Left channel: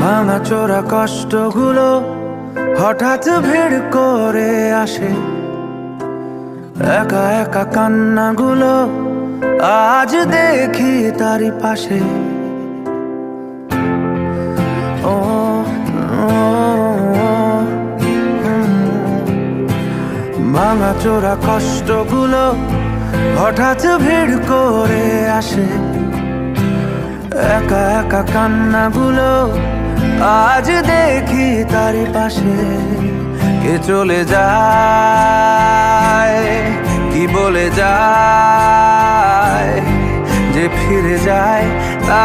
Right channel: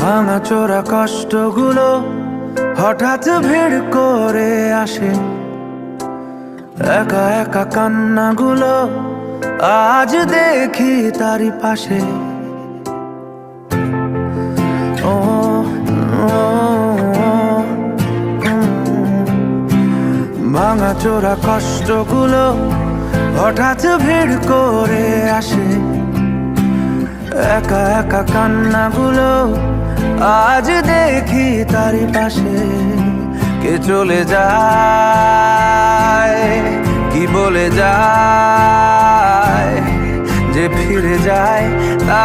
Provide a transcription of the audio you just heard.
ভাঙা চোরা কষ্টগুলো হঠাৎ ভিড় করে আসে, একা একা কান্নাগুলো আজ দেখি তারই পাশে। ও ভাঙা চোরা কষ্টগুলো হঠাৎ ভিড় করে আসে, একা একা কান্নাগুলো আজ দেখি তারই পাশে। কে চলে যায়, কি বলে যায়, যে ফিরে যায় তা